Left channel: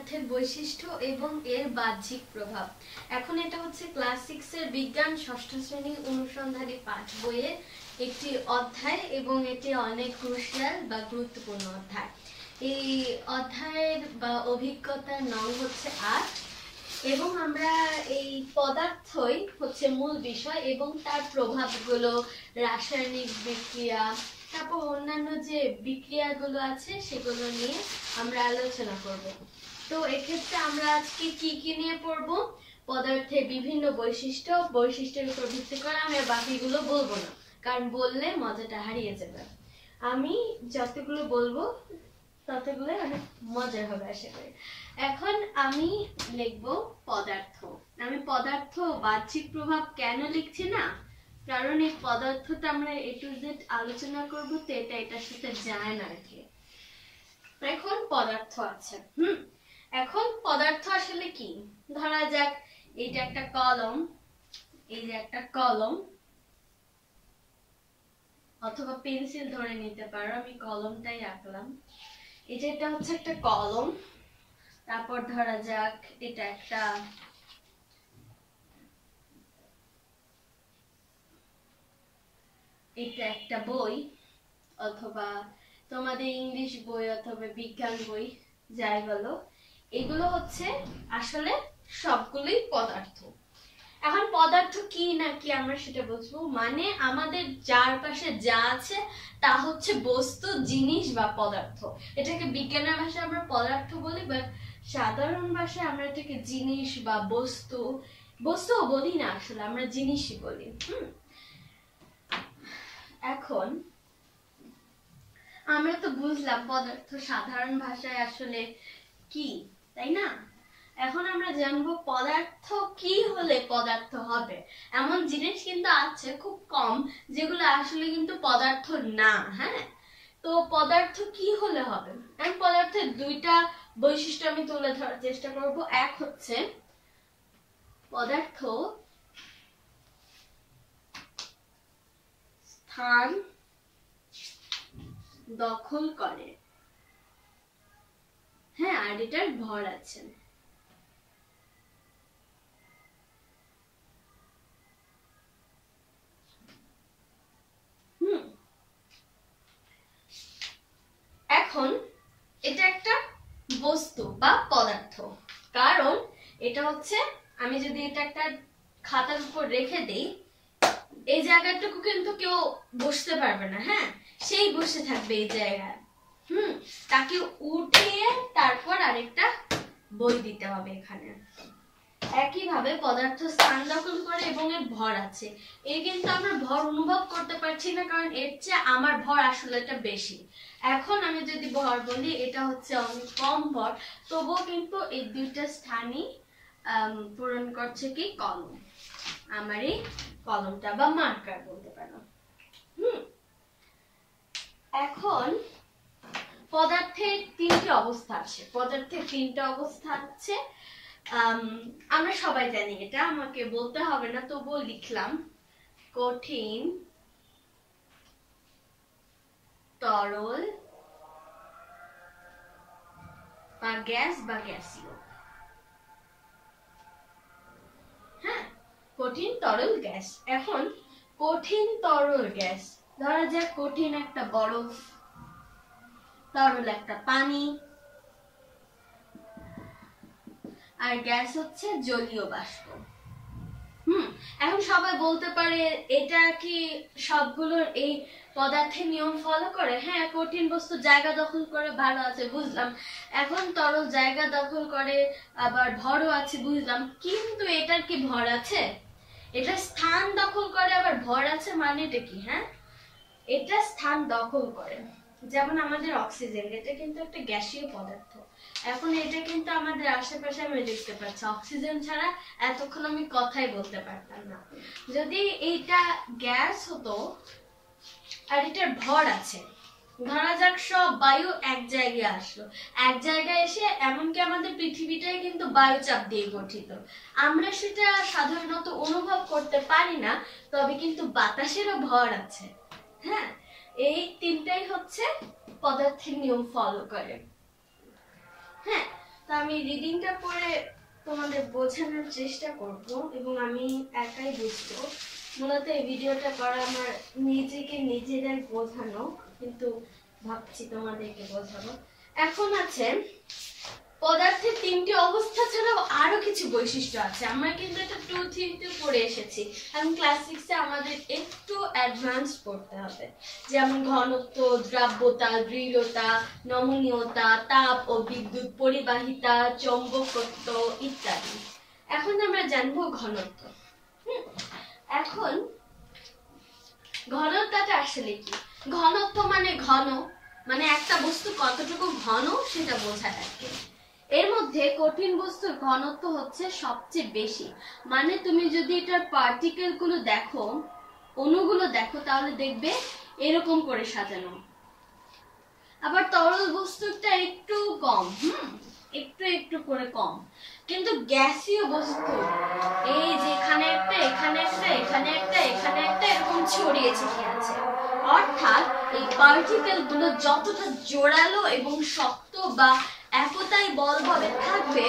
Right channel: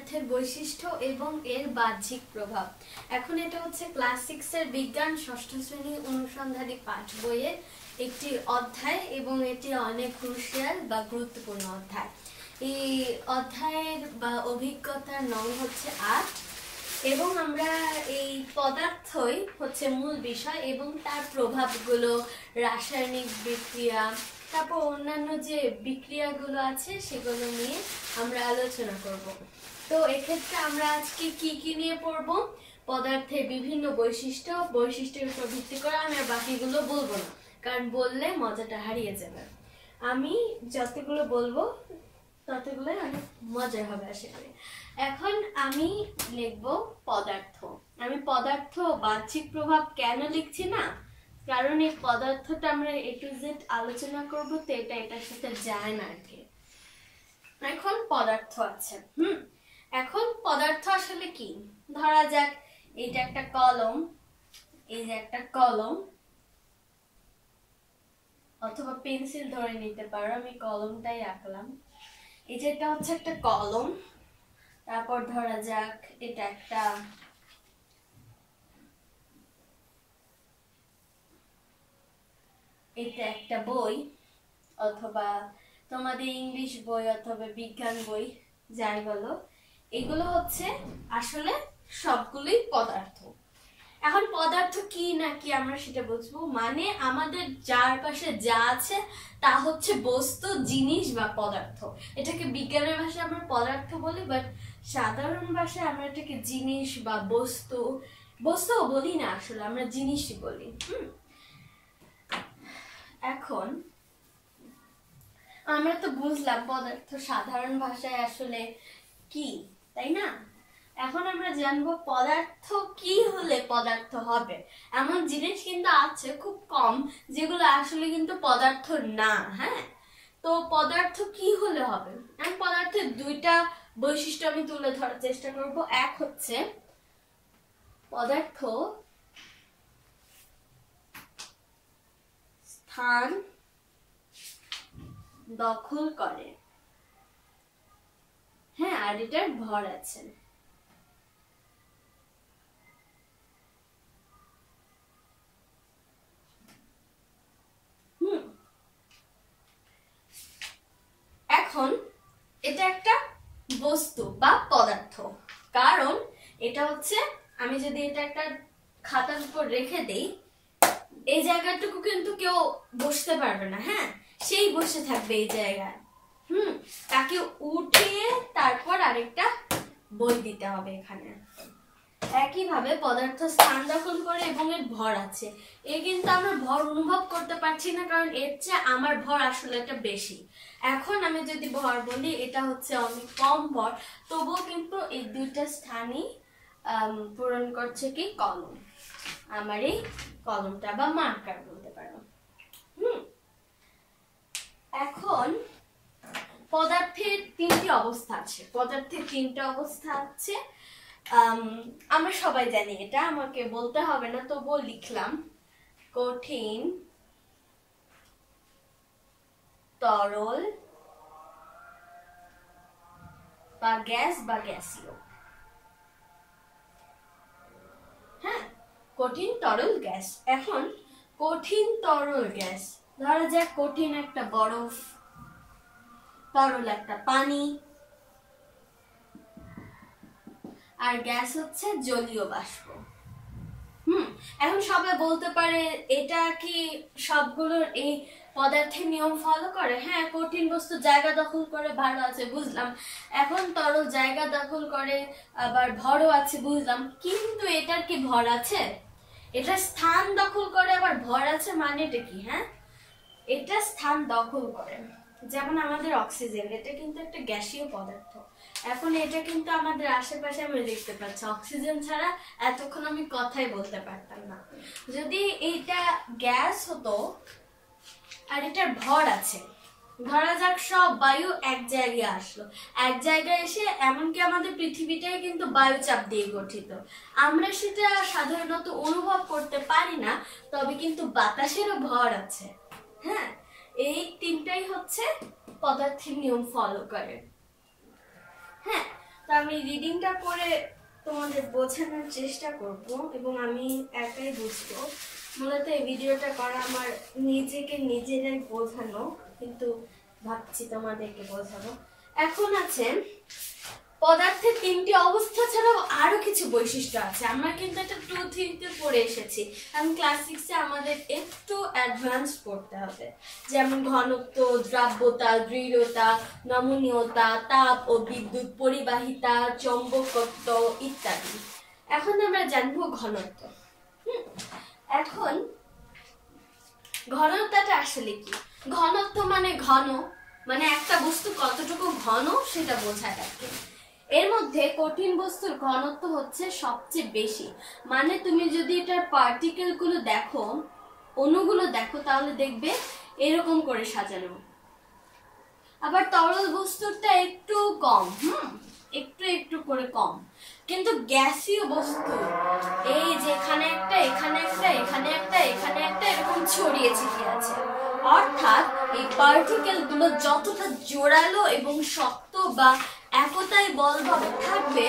পদার্থের বৈশিষ্ট্য এবং এর বাহ্যিক প্রভাব। এখন এটা হচ্ছে ক্লাস 6 এর বিজ্ঞান ষষ্ঠ শ্রেণী অনুসন্ধানী পাঠ বইয়ের একটি অধ্যায় এবং এটি অনেক ক্রুশিয়াল বা গুরুত্বপূর্ণ অধ্যায়। এই অধ্যায়ের বা অভিজ্ঞতার নাম হচ্ছে 8 এবং আমরা এই পদার্থই হচ্ছে মূল বিষয় এবং তার প্রভাবগুলো, রাসায়নিক বিক্রিয়া, তারপর অন্যান্য যে বিক্রিয়াগুলো আছে সেগুলো নিয়ে আমরা আলোচনা করব। তো এক্ষেত্রে আমরা আজকে কি নিয়ে পড়ব? পদার্থের বিভিন্ন বৈশিষ্ট্যের উপর ভিত্তি করে আমি বাকিগুলো বলবো না, কারণ বললে মজাটা হারিয়ে যাবে। আমি যতগুলো বলবো ততগুলোই অনেক মজার হবে আশা করি। এখন আমি লিখব পদার্থ। আমি পদার্থ বাহ্যিক প্রভাব কেন লিখছি না, কারণ এই পদার্থটা আমরা A to Z আলোচনা করব, তো এটা এটার সাথে যায় না আর কি। এখন পদার্থ আছে। এখন পদার্থ আসলে কি? ধরা যাক এটা একটা কলম, এই যে একটা কলম, অথবা পেন্সিল ধরে নিতে পারো, আমি কলমটাই আঁকলাম। এই যে এটা হচ্ছে একটা কলম, তারপর ধরা যাক এটা একটা বই, অথবা তোমাদের ইংলিশ বই অথবা বিজ্ঞান বই, যাই বলো, এগুলো হচ্ছে আসলে সবগুলোই পদার্থ। এখন পদার্থ কি না কি আমরা সেটা বুঝবো, মানে আমাদের চারপাশে যা আছে তা হচ্ছে বস্তু, জিনিস বা পদার্থ। এটাকে বিজ্ঞানের ভাষায় আমরা পদার্থ বলি, বাট সাধারণ ভাষায় আমরা এটাকে জিনিস বা বস্তুও বলি না, আসলে আমরা জিনিসই বলি। এখন আমরা তো বুঝলাম পদার্থ সাধারণ ভাষায় আসলে কি, তাই না? এখন আমরা জানবো পদার্থ কি হলে পদার্থ হবে। এমন জিনিস কিন্তু আছে খুব কম যেগুলো আসলে কিন্তু পদার্থ না। হ্যাঁ, তো পদার্থ কি হলে হবে? আমি পদার্থের দুইটা বৈশিষ্ট্য আমি তুলে ধরার চেষ্টা করব। এক হচ্ছে পদার্থ স্থান দখল করে, হ্যাঁ, আর এটার ভর আছে। এখন এটা একটা বস্তু বা পদার্থ, কারণ এটা হচ্ছে, আমি যদি এটা একটা খাতার উপর রেখে দিই, এই জায়গাটুকু কিন্তু কেউ বসতে পারবে না, হ্যাঁ, সেই বসে থাকবে এই জায়গায়। তাকে উঠিয়ে তারপর আরেকটা বই দিতে হবে এখানে। একইভাবে পদার্থ স্থান দখল করে এবং এর ভর আছে। এই কিন্তু আমরা ভর অনুভব করতে পারছি না, কারণ এর চেয়ে আমার ভর আসলে এটা বেশি। এখন আমি যদি ভর বলি, এটা হচ্ছে অনেক কম ভর, তবুও কিন্তু এই দুইটা স্থানই পূরণ করছে কি কলম, আমার এই কলমটা বা মার্কার বলতে পারো। এখন পদার্থের তিনটি অবস্থা আছে। পদার্থের তিনটা অবস্থা আছে, আমরা সবাই জানি, এটা আমাকে বলতে হবে না, তবুও লিখলাম। কঠিন, তরল বা গ্যাস বা গ্যাসীয়। হ্যাঁ, কঠিন, তরল, গ্যাস। এখন কঠিন, তরল, গ্যাস, ধরা যাক কঠিন একটা বরফ, তরল একটা পানি, আর গ্যাস হচ্ছে জলীয় বাষ্প। এখন সবাই বলতে পারে এটা কি সবগুলোর এই পদার্থের নিয়ম ফলো করে? হ্যাঁ, কঠিন বস্তু জায়গা দখল করে, ভালো আছে, বুঝলাম। এখন তরল জায়গা দখল করে, আবার ভরও আছে, বুঝলাম। কিন্তু এটার কি ভর আছে? এটা স্থান দখল করে আবার ভর আছে, মানে এটা কি? হ্যাঁ, এটা স্থান দখল করে। যেমন আমাদের অক্সিজেন, এটা কিন্তু একটা গ্যাসীয় পদার্থ। এখন এটা কিন্তু আমাদের আশেপাশে আমি দেখতে পাচ্ছি, অক্সিজেন ছাড়া এতক্ষণ আমি কথাই বলতে পারতাম না। যদি এইটা গ্যাস হতো আর এটার ভর আছে, ধরা যাক সব বায়ু এক জায়গায় আসলো, এক জায়গায় এসে, এমনকি আমাদের পৃথিবীটাই কিন্তু বায়ুচাপ দিয়ে গঠিত, আমরা সেটা সাধারণত অনুভব করতে পারি না, তবে কিন্তু বাতাসেরও ভর আছে। হ্যাঁ, এই তিনটাই হচ্ছে পদার্থের নিয়ম ফলো করে। হ্যাঁ, তার আমি রিডিংটা করে তোমাদের বোঝানোর চেষ্টা করব এবং আমি একাই বুঝবো। মূলত এই ভিডিওটা করা আমার নিজেদের বোঝানো, কিন্তু ভাবছি তোমাদেরকে বোঝাবো। এখন আছে পদার্থের তিনটি অবস্থা ছাড়াও আরো কিছু বৈশিষ্ট্য আছে। আমরা কিন্তু এটা 2-3 পড়ে এসেছি, কারণ ক্লাস 6-এ আমাদের একটু অ্যাডভান্স পড়তে হবে, যেমন ঘনত্ব, দ্রাব্যতা, দৃঢ়তা, নমনীয়তা, তাপ ও বিদ্যুৎ, পরিবাহিতা, চৌম্বকত্ব ইত্যাদি। এখন আমরা জানবো ঘনত্ব। এখন ঘনত্বটা আসলে কি? ঘনত্ব মানে ঘন, মানে একটা বস্তু কতটুকু ঘন সেটা বোঝায় আর কি। এর মধ্যে কঠিন বস্তুর ঘনত্ব হচ্ছে সবচেয়ে বেশি। মানে তুমি যদি এটার পার্টিকেল গুলো দেখো, অণুগুলো দেখো, তাহলে দেখবে এরকম করে সাজানো। আবার তরল বস্তুটা একটু কম, একটু করে কম। কিন্তু গ্যাসীয় বস্তু এই যেখানে একটা, এখানে একটা, এখানে একটা, এখানে একটা, এরকম ছড়িয়ে ছিটিয়ে আছে। অর্থাৎ এই পার্টিকেল গুলো যতটা জোরালো এবং শক্ত বা একতাই বলভাবে থাকবে,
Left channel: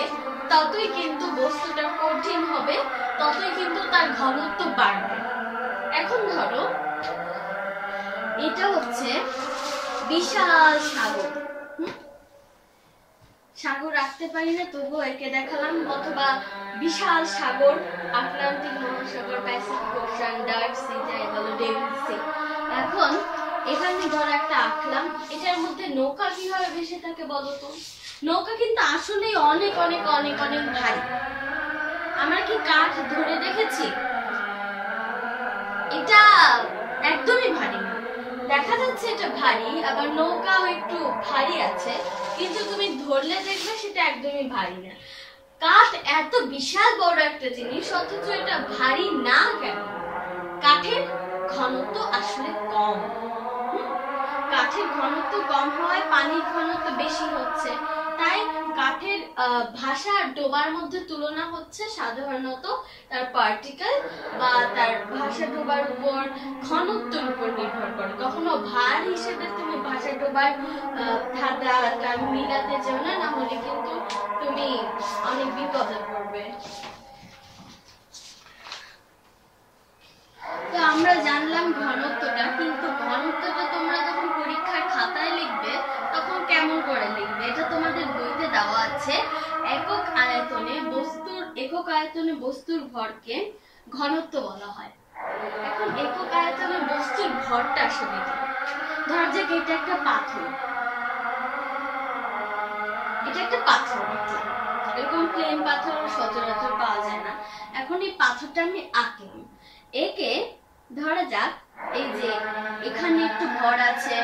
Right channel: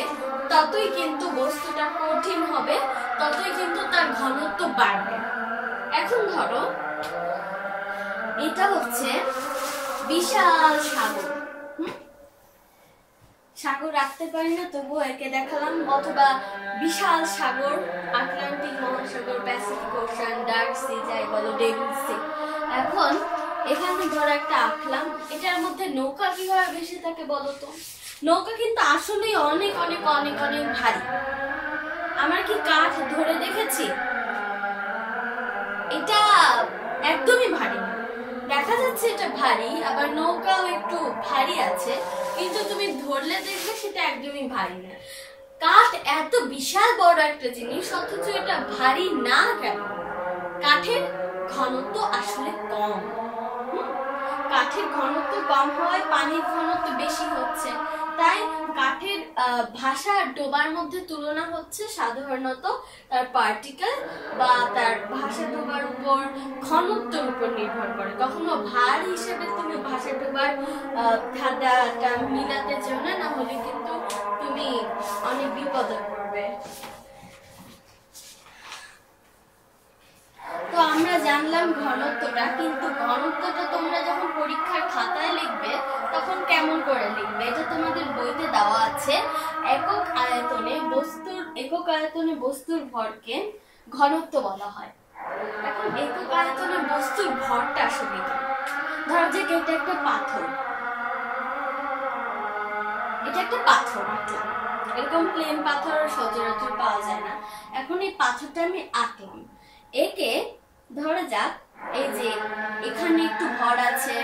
ততই কিন্তু বস্তুটা কঠিন হবে, ততই কিন্তু তার ঘনত্ব বাড়বে। এখন ধরো এটা হচ্ছে বিশাল সাগর। সাগর রাখতে পারি না, তবুও একে দেখালাম। অথবা বিশাল সাগর, আটলান্টিক মহাসাগর, প্যাসিফিক ওশান, ডার্ক সি, যাই বলো, ডেভিড সি। এখন এখানে ধরো একটা আঁকলাম, এটার মধ্যে নৌকা কিভাবে ভেসে থাকে বলো তো? নৌকা কিন্তু আসলেই অনেক অনেক অনেক অনেক ভারী। আমরা কি কাঠ ধরে দেখেছি? এটা একদমই ভারী না। দেখা যাচ্ছে এটা ভারী, আবার নৌকাও একটু ভারী আছে, কিন্তু তুমি ধরলে দেখবে সেটা একদমই ভারী না। কাঠ এত বিশাল বড় একটা জিনিস, অথচ এটা ভারী না কেন? কাঠের ঘনত্ব আসলে কম। কাঠের ঘনত্ব কম হওয়ায় পানির ঘনত্ব বেশি হচ্ছে, তাই কাঠের ভাষা ডোবার মধ্যে তুলনা হচ্ছে সাধারণত তার পার্টিকেল বা তার ভাষা ডোবার উপর ঘনত্বের উপর নির্ভর করে। কখনো ভার হিসেবে তুমি ভাষা ডোবার ধাঁধাটা মিলাতে যেও না, না হলে কিন্তু তুমি অনেক বিপদে পড়বে। তো আমরা জানলাম ঘনত্বটা, কিন্তু ঘনত্বটা তোমরা যখন পরীক্ষার খাতায় লিখবে তখন কেমন করে লিখবে? এটা তোমাদের বইতে দেওয়া আছে। একক আয়তনে বস্তুর ভরকে ঘনত্ব বলা হয়। এখন একক আয়তনে বস্তুর ভরটা আসলে কি? ধর যে এটা একটা পাথর, এটা একটা পাথর, এরকম প্লেন পাথর সচরাচর পাওয়া যায় না। এখন এই পাথরটা আমি আঁকলাম, একে ধরা যাক এই যে এখানে একটু ভর আছে,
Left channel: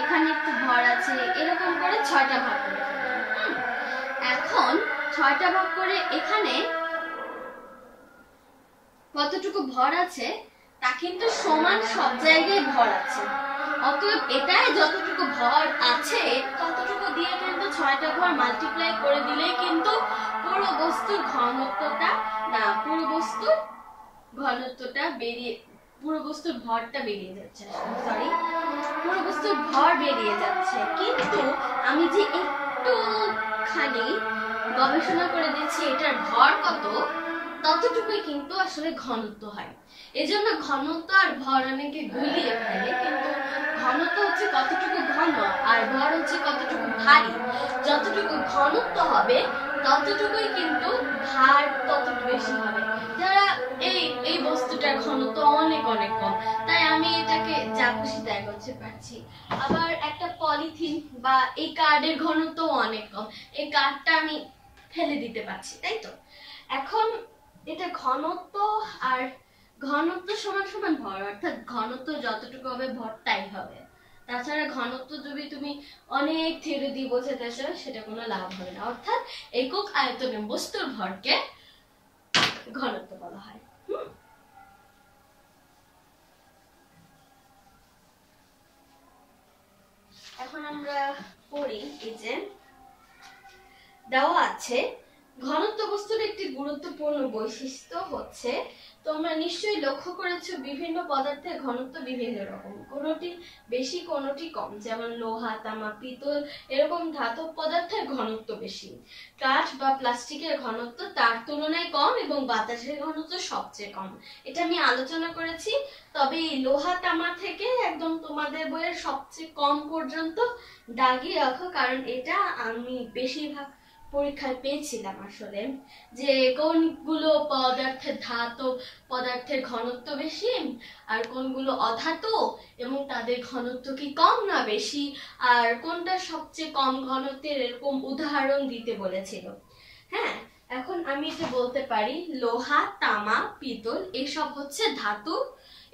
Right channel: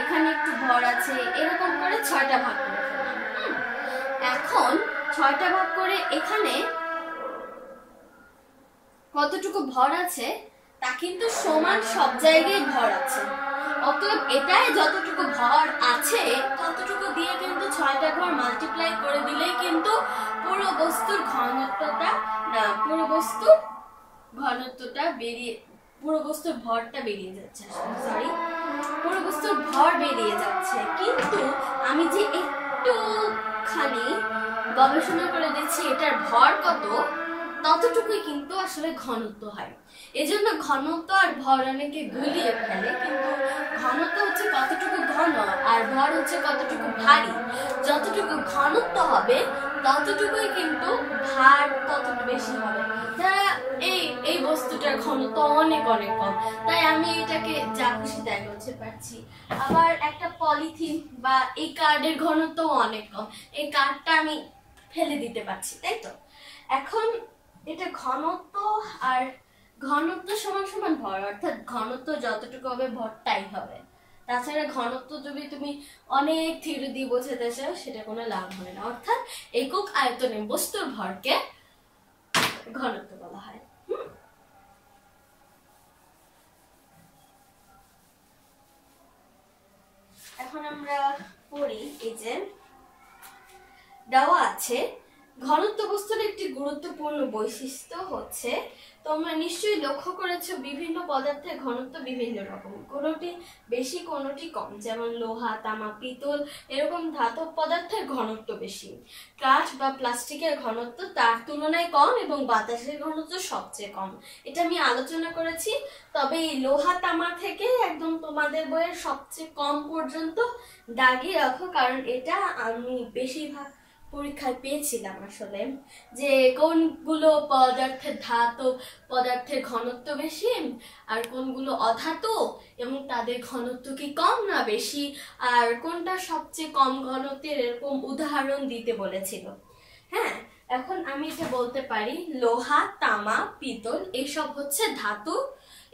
এখানে একটু ভর আছে, এরকম করে 6টা ভাগ করে ফেললাম। এখন 6টা ভাগ করে এখানে কতটুকু ভর আছে তা কিন্তু সমান সব জায়গায় ভর আছে। অতএব এটাই যতটুকু ভর আছে ততটুকু দিয়ে কিন্তু 6টা ঘর মাল্টিপ্লাই করে দিলেই কিন্তু পুরো বস্তুর ভরটা বেরিয়ে যাচ্ছে। সরি, পুরো বস্তুর ভর বেরিয়ে যাচ্ছে। কিন্তু আমি যে একটুখানি গবেষণা করে দিচ্ছি এটার ভর কত, ততটুকুই কিন্তু আসলে ঘনত্ব হয়। এজন্য ঘনত্ব আর ভর অনেকে গুলিয়ে ফেলে, কিন্তু ঘনত্ব হচ্ছে কতটুকু ঘন আর ভর হচ্ছে কতটুকু ভারী। যতটুকু ঘনত্ব হবে ততটুকুই কিন্তু ভার তত বেশি হবে। যারা এই বস্তুটার ঘনত্ব অনেক অনেক কম, তাই আমি এটাকে যা খুশি তাই করতে পারছি। আবার একটা পলিথিন বা এই কার্ডের ঘনত্ব অনেক কম, এই কার্ডটা আমি ফেলে দিতে পারছি, তাই তো? এখন এটা ঘনত্ব আর ঘনত্ব সমান সমান ভর, অর্থাৎ ঘনত্ব যতটুকু হবে ভর তাই হবে। তাছাড়া ঘনত্ব যদি তুমি অনেক থিওরি দিয়ে বোঝাতে চাও সেটা কোনো লাভ হবে না। অর্থাৎ একক আয়তনে বস্তুর ভরকে ঘনত্ব বলা হয়। এখন আমরা পড়ি, এই যে দেওয়া আছে ঘনত্ব বস্তুর একটি গুরুত্বপূর্ণ বৈশিষ্ট্য হচ্ছে, তোমরা নিশ্চয়ই লক্ষ্য করেছো বিভিন্ন পদার্থের ঘনত্ব বিভিন্ন রকম, কোনোটি বেশি কোনোটি কম। যেমন লোহা, তামা, পিতল এরকম ধাতব পদার্থের ঘনত্ব বেশি। কাঠ বা প্লাস্টিকের ঘনত্ব তার তুলনায় কম এবং বাতাসের ঘনত্ব সবচেয়ে কম। এটা আমি আলোচনা করেছি। তবে এই লোহা, তামা থেকে একদম তোমাদের বইয়ের সবচেয়ে কম পর্যন্ত দাগিয়ে রাখো, কারণ এটা আমি বেশিরভাগ পরীক্ষায় পেয়েছিলাম আসলে, যে কোনগুলো ধাতব পদার্থের ঘনত্ব বেশি আর কোনগুলো অধাতু এবং তাদের ঘনত্ব কি কম না বেশি, আর কোনটা সবচেয়ে কম ঘনত্বের, এরকম উদাহরণ দিতে বলেছিল। হ্যাঁ, এখন আমি এটা বলতে পারি লোহা, তামা, পিতল এসব হচ্ছে ধাতু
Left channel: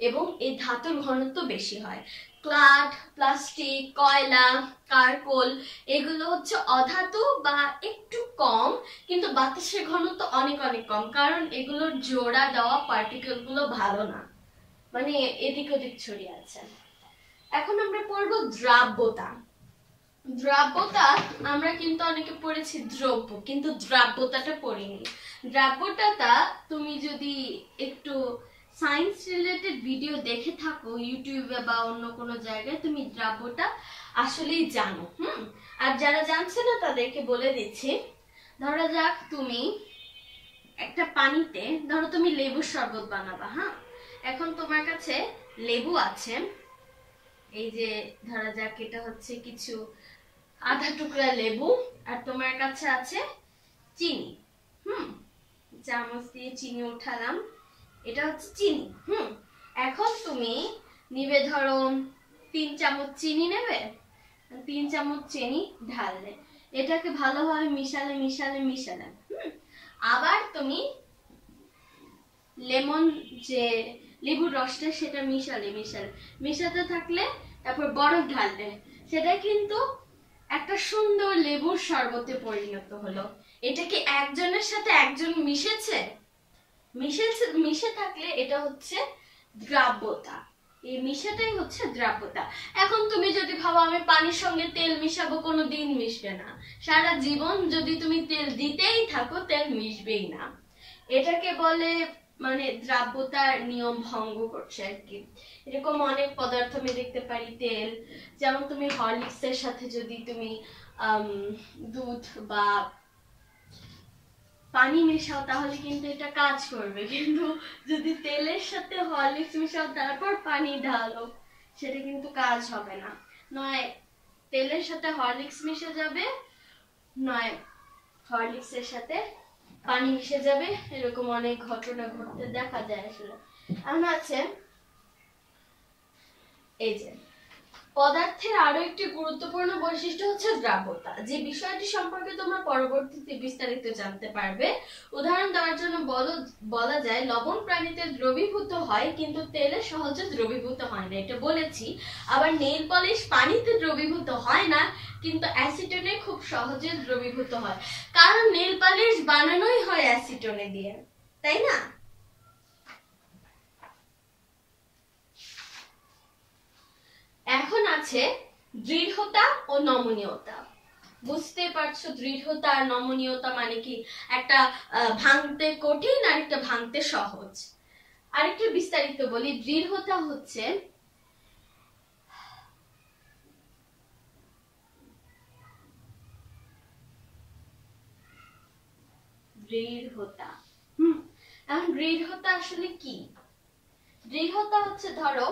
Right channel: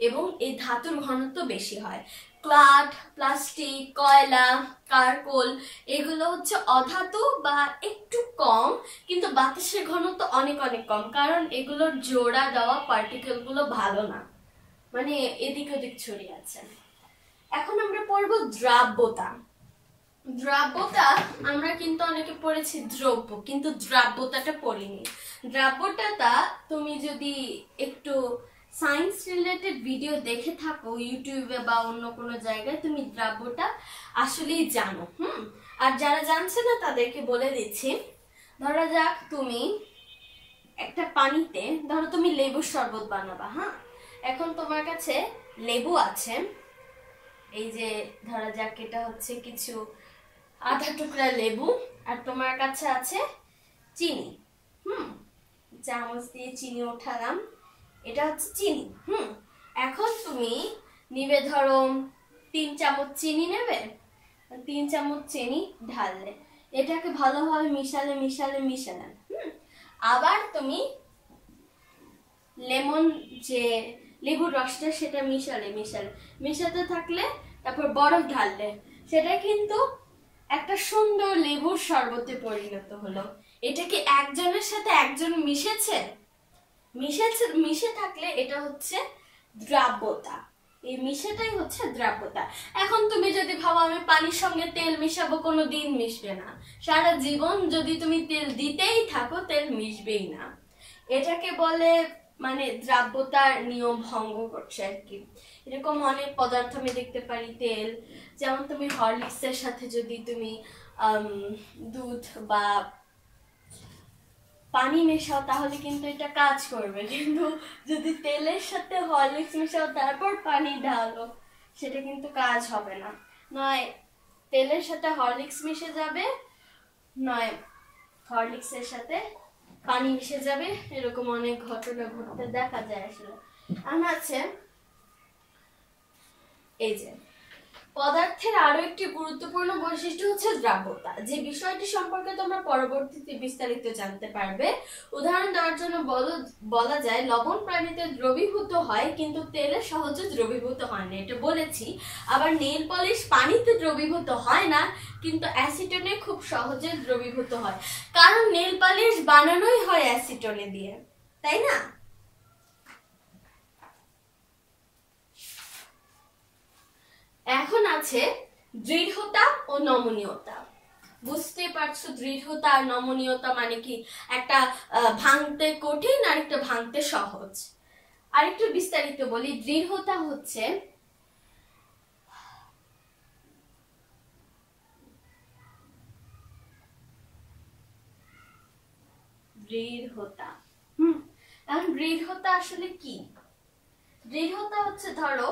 এবং এই ধাতুর ঘনত্ব বেশি হয়। কাঠ, প্লাস্টিক, কয়লা, কার্বন এগুলো হচ্ছে অধাতু বা একটু কম, কিন্তু বাতাসের ঘনত্ব অনেক অনেক কম, কারণ এগুলোর জোড়া দেওয়া পার্টিকেল গুলো ভালো না, মানে এদিক ওদিক ছড়িয়ে আছে। এখন আমরা পড়বো দ্রাব্যতা। দ্রাব্যতা আমরা কিন্তু অনেকে পড়েছি দ্রব্য, কিন্তু দ্রাব্যতাটা পড়িনি। দ্রাব্যতাটা তুমি যদি একটু সায়েন্স রিলেটেড ভিডিও দেখে থাকো ইউটিউবে বা অন্য কোনো জায়গায়, তুমি দ্রাব্যটা আসলেই জানো। আর যারা জানছে না তাদেরকে বলে দিচ্ছি। ধরা যাক তুমি একটা পানিতে, ধরো তুমি লেবুর শরবত বানাবা। এখন তোমার কাছে লেবু আছে, এই যে ধরা যাক এটা হচ্ছে কিছু আধা টুকরা লেবু, আর তোমার কাছে আছে চিনি। চামচ দিয়ে চিনি উঠালাম, এটা হচ্ছে চিনি। এখন তুমি নিবে, ধরো 3 চামচ চিনি নেবে, 3 চামচ চিনি ঢাললে, এটাকে ভালোভাবে মিশালে মিশালে মিশালে আবার তুমি লেমন যে লেবুর রসটা সেটা মিশালে মিশালে মিশাতে থাকলে, তারপর বরফ ঢাললে, সেটা কিন্তু একটা সুন্দর লেবুর শরবতে পরিণত হলো। এটা কি একজনের সাথে একজন মিশেছে? মিশে থাকলে এটা হচ্ছে দ্রাব্যতা। এই মিশাটাই হচ্ছে দ্রাব্যতা। এখন তুমি যদি ভাবো আমি পানির সঙ্গে তেল মিশাবো, কোনো দিন মিশবে না। সারা জীবন যদি তুমি তেল দিতেই থাকো, তেল মিশবেই না। এটাকে বলে মানে দ্রাব্যতার নিয়ম ভঙ্গ করছে আর কি। এরকম অনেক পদার্থ আমি দেখতে পারি তেল, যেমন তুমি হরলিক্সের সাথে যদি তুমি দুধ বা পানি মেশাও তাহলে কিন্তু এটা কাজ করবে, কিন্তু যদি তেলের সাথে হরলিক্স মেশাও তারপর পানি ঢালো, সেটা কিন্তু কাজ হবে না। নয় তেলের সাথে হরলিক্স মিশে যাবে, নয় হরলিক্সের সাথে পানি মিশে যাবে। এরকম অনেক ঘটনা ঘটতে দেখা যায় আসলে। আমরা আছে এই যে পদার্থের আরো একটি গুরুত্বপূর্ণ বৈশিষ্ট্য হচ্ছে দ্রাব্যতা, যে বিষয়টি সম্পর্কে তোমরা পরবর্তীতে বিস্তারিত জানতে পারবে। উদাহরণ দেওয়ার জন্য বলা যায় লবণ পানিতে দ্রবীভূত হয়, কিন্তু তেলে সহজে দ্রবীভূত হয় না, এটা বলেছি। আবার নেইল পলিশ পানিতে দ্রবীভূত হয় না, কিন্তু অ্যাসিটনে খুব সহজে দ্রবীভূত হয়, কারণ নেইল পলিশ বানানোই হয় অ্যাসিটনে দিয়ে, তাই না? এখন আছে দৃঢ়তা ও নমনীয়তা। বুঝতে পারছো দৃঢ়তা আর নমনীয়তা মানে কি? একটা ভাঙতে কঠিন আর একটা ভাঙতে সহজ। আরেকটু বিস্তারিত বলি, দৃঢ়তা হচ্ছে দৃঢ়তা। এখন দৃঢ়তা আসলে কি? দৃঢ়তা হচ্ছে, ধরো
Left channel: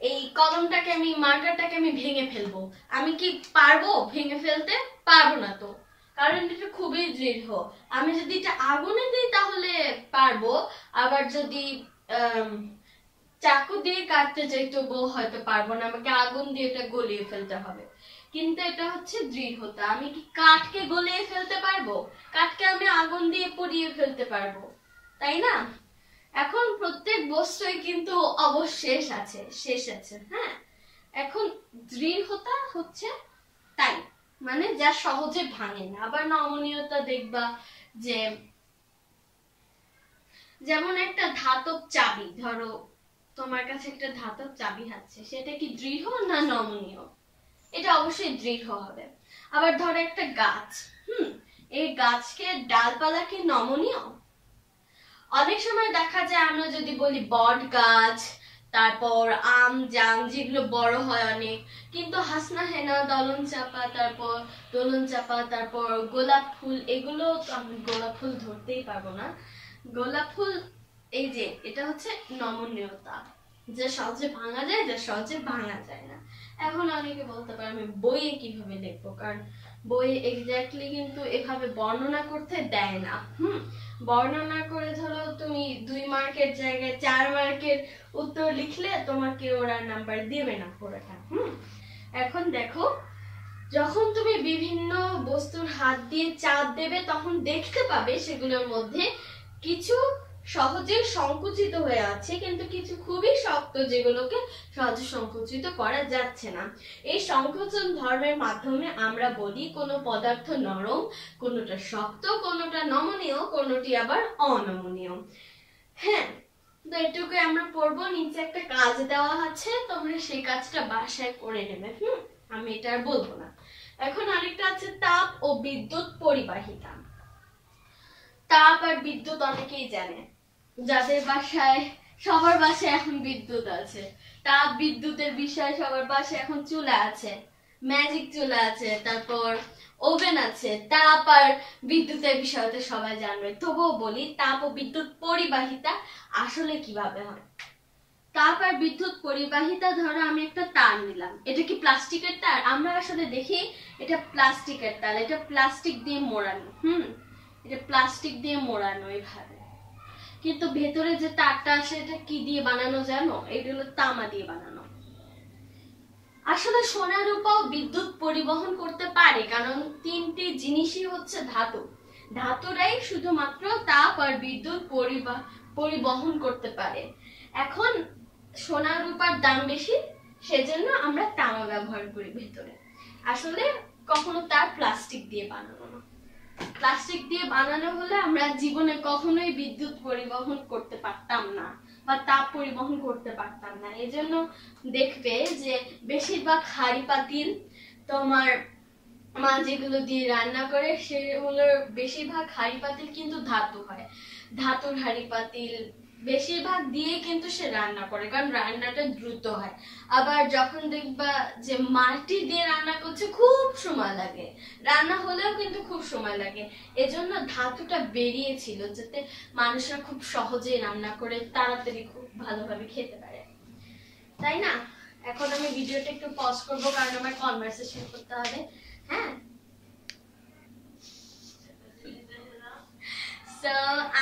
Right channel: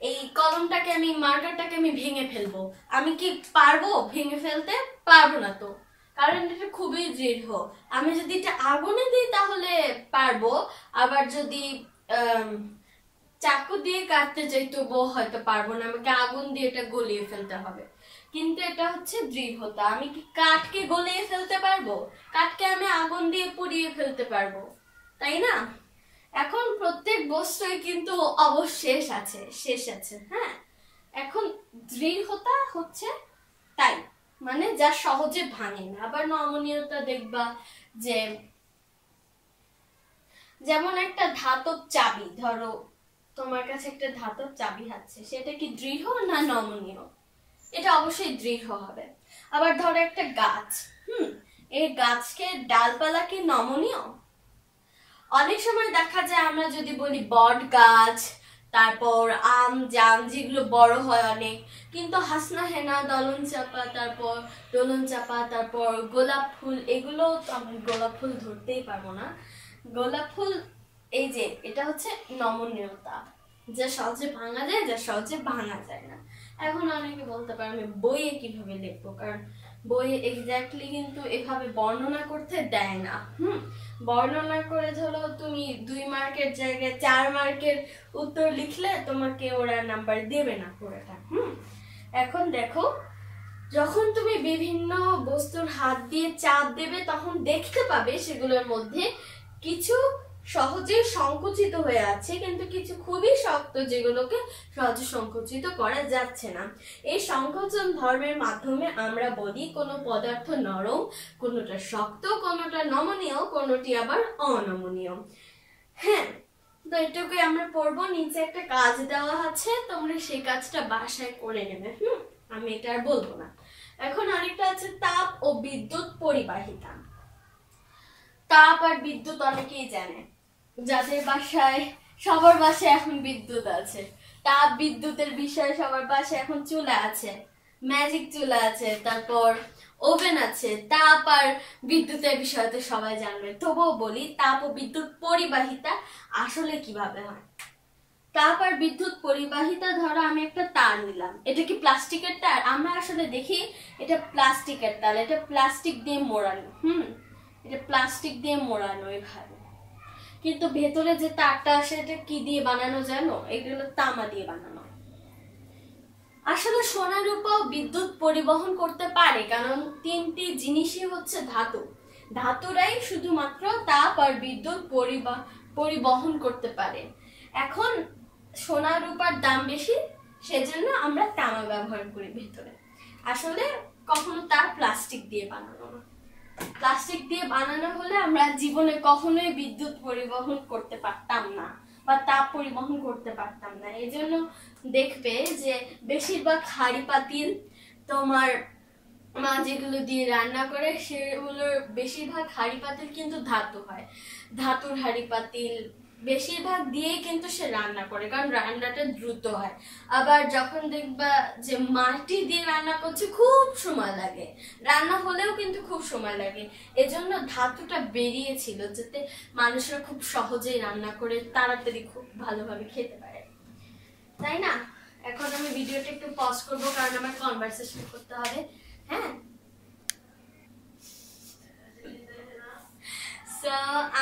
এই কলমটাকে আমি, মার্কারটাকে আমি ভেঙে ফেলবো, আমি কি পারবো ভেঙে ফেলতে? পারবো না তো, কারণ এটা খুবই দৃঢ়। আমি যদি এটা আগুনে দিই তাহলে পারবো, আবার যদি চাকু দিয়ে কাটতে যাই তবুও হয়তো পারবো না, আমাকে আগুন দিয়ে এটা গলিয়ে ফেলতে হবে। কিন্তু এটা হচ্ছে দৃঢ়তা। আমি কি কাঠকে গলিয়ে ফেলতে পারবো? কাঠকে আমি আগুন দিয়ে পুড়িয়ে ফেলতে পারবো, তাই না? এখন প্রত্যেক বস্তুই কিন্তু অবশেষ আছে, শেষ আছে। হ্যাঁ, এখন দৃঢ়তা হচ্ছে তাই, মানে যা সহজে ভাঙে না। আবার নমনীয়তা দেখবা যে, যেমন একটা ধাতব চাবি, ধরো তোমার কাছে একটা ধাতব চাবি আছে, সেটা কি দৃঢ় না নমনীয়? এটা অবশ্যই দৃঢ় হবে। আবার ধরো একটা গাছ, এই গাছকে ডালপালা কি নমনীয়? অনেক সময় দেখা যায় আমরা যদি বলি বট গাছ, তারপর আম জাম যেগুলো বড় হয় অনেক, কিন্তু হাসনা হেনা দোলন চাপা, তারপর গোলাপ ফুল, এগুলো তো আমি গোলাপ ফুল ধরতেই পারবো না। গোলাপ ফুল এই যে এটা হচ্ছে নমনীয়তা, যা সহজে ভাঙা যায়, যা সহজে ভাঙা যায় না। এখন অনেকে বলতে পারে আমি বইয়ে কিভাবে লিখবো, কারণ বইয়ে এক্স্যাক্টলি কিন্তু এভাবে বর্ণনা করতে দেয় না। বর্ণনা করে ধরো তুমি 2 মার্কের জায়গায় 4 মার্কের উত্তর লিখলে তোমাকে ওরা নাম্বার দেবে না পুরোটা। এখন দেখো, যখন তুমি বিভিন্ন বস্তুর হাত দিয়ে চাপ দেবে তখন দেখতে পাবে সেগুলোর মধ্যে কিছু সহজে সংকুচিত হয়ে আছে, কিন্তু কিছু খুবই শক্ত যেগুলোকে সহজে সংকুচিত করা যাচ্ছে না। এই সংকোচন ধর্মের মাধ্যমে আমরা বলি কোনো পদার্থ নরম, কোনোটা শক্ত, কোনোটা নমনীয়, কোনোটি আবার অনমনীয়। হ্যাঁ, তো এটুকু আমরা পড়বো। নিচে একটা কাজ দেওয়া আছে, তোমরা সেই কাজটা বাসায় করে নেবে। আমি এটা আর বলবো না। এখন আরেকটা আছে তাপ ও বিদ্যুৎ পরিবাহিতা। তাপ আর বিদ্যুৎ অনেকেই জানে, যাদের বাসায়, সবার বাসায় এখন বিদ্যুৎ আছে। তাপ বিদ্যুতের বিষয়ে সবার বাসায় এখন চুলা আছে, ম্যাজিক চুলা আছে, তারপর ওভেন আছে। তাপ আর বিদ্যুতের বিষয়ে তো সবাই জানবে, তবুও বলি তাপ ও বিদ্যুৎ পরিবাহিতা আসলে কিভাবে হয়। তাপ আর বিদ্যুৎ পরিবাহিতা, ধরো আমি একটা তার নিলাম, এটা কি প্লাস্টিকের তার? আমরা আসলে দেখি এটা প্লাস্টিকের তার, এটা প্লাস্টিক দিয়ে মোড়ানো। এটা প্লাস্টিক দিয়ে মোড়ানো এইভাবে, কিন্তু ভেতরে যে তারটা আসে এটা কি দিয়ে বানানো জানো? এগুলো তামা দিয়ে বানানো। আসলে সোনা রূপাও বিদ্যুৎ পরিবহন করতে পারে, কারণ 3টি জিনিসই হচ্ছে ধাতু। ধাতুরাই শুধুমাত্র তাপ আর বিদ্যুৎ পরিবহন করতে পারে। এখন সোনা রূপার দাম বেশি, সেজন্য আমরা তামা ব্যবহার করি ভেতরে। আসলে কখনো তার প্লাস্টিক দিয়ে বানানো না। প্লাস্টিক দিয়ে বানানো হলে আমরা জীবনে কখনোই বিদ্যুৎ পরিবহন করতে পারতাম না বা তাপ পরিবহন করতে পারতাম না। এজন্য দেখবে যে বেশিরভাগ হাঁড়ি পাতিল তোমার মা যেগুলো দিয়ে রান্না করে সেগুলোর বেশিরভাগ হাঁড়ি পাতিল কিন্তু ধাতু হয়। ধাতুর হাঁড়ি পাতিল বেশিরভাগ দিয়ে কিন্তু সে রান্না করে, কারণ রান্নাটা দ্রুত হয়। আবার যখন দেখবা যে মাটি দিয়ে রান্না করছে খুব সময় লাগে, রান্না হলেও কিন্তু খুব সময় লাগে। এজন্য ধাতুটা বেরিয়েছিল যাতে মানুষরা খুব সহজেই রান্না করে তাড়াতাড়ি খুব ভালোভাবে খেতে পারে, তাই না? এখন আমি ভিডিওটা একটু পজ করব, কারণ আমার কনভারসেশন করতে হবে। হ্যাঁ, তো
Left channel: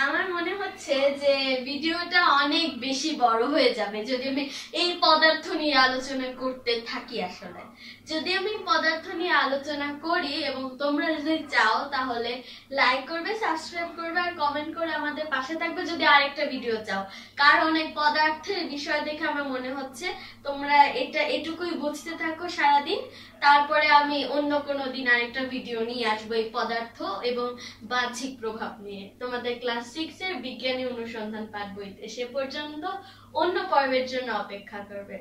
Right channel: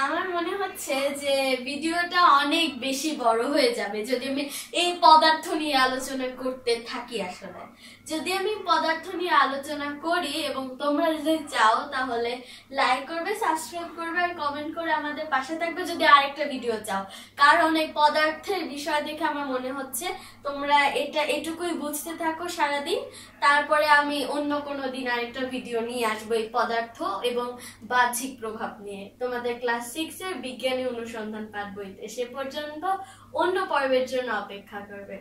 আমার মনে হচ্ছে যে ভিডিওটা অনেক বেশি বড় হয়ে যাবে যদি আমি এই পদার্থ নিয়ে আলোচনা করতে থাকি। আসলে যদি আমি পদার্থ নিয়ে আলোচনা করি এবং তোমরা যদি চাও তাহলে লাইক করবে, সাবস্ক্রাইব করবে আর কমেন্ট করে আমাদের পাশে থাকবে যদি আরেকটা ভিডিও চাও। কারণ এই পদার্থের বিষয় দেখে আমার মনে হচ্ছে তোমরা এটুকুই বুঝতে থাকো সারাদিন, তারপরে আমি অন্য কোনো দিন আরেকটা ভিডিও নিয়ে আসবো এই পদার্থ এবং বাহ্যিক প্রভাব নিয়ে তোমাদের ক্লাস 6 এর বিজ্ঞানী অনুসন্ধান পাঠ বইতে। সে পর্যন্ত অন্য পর্বের জন্য অপেক্ষা করবে।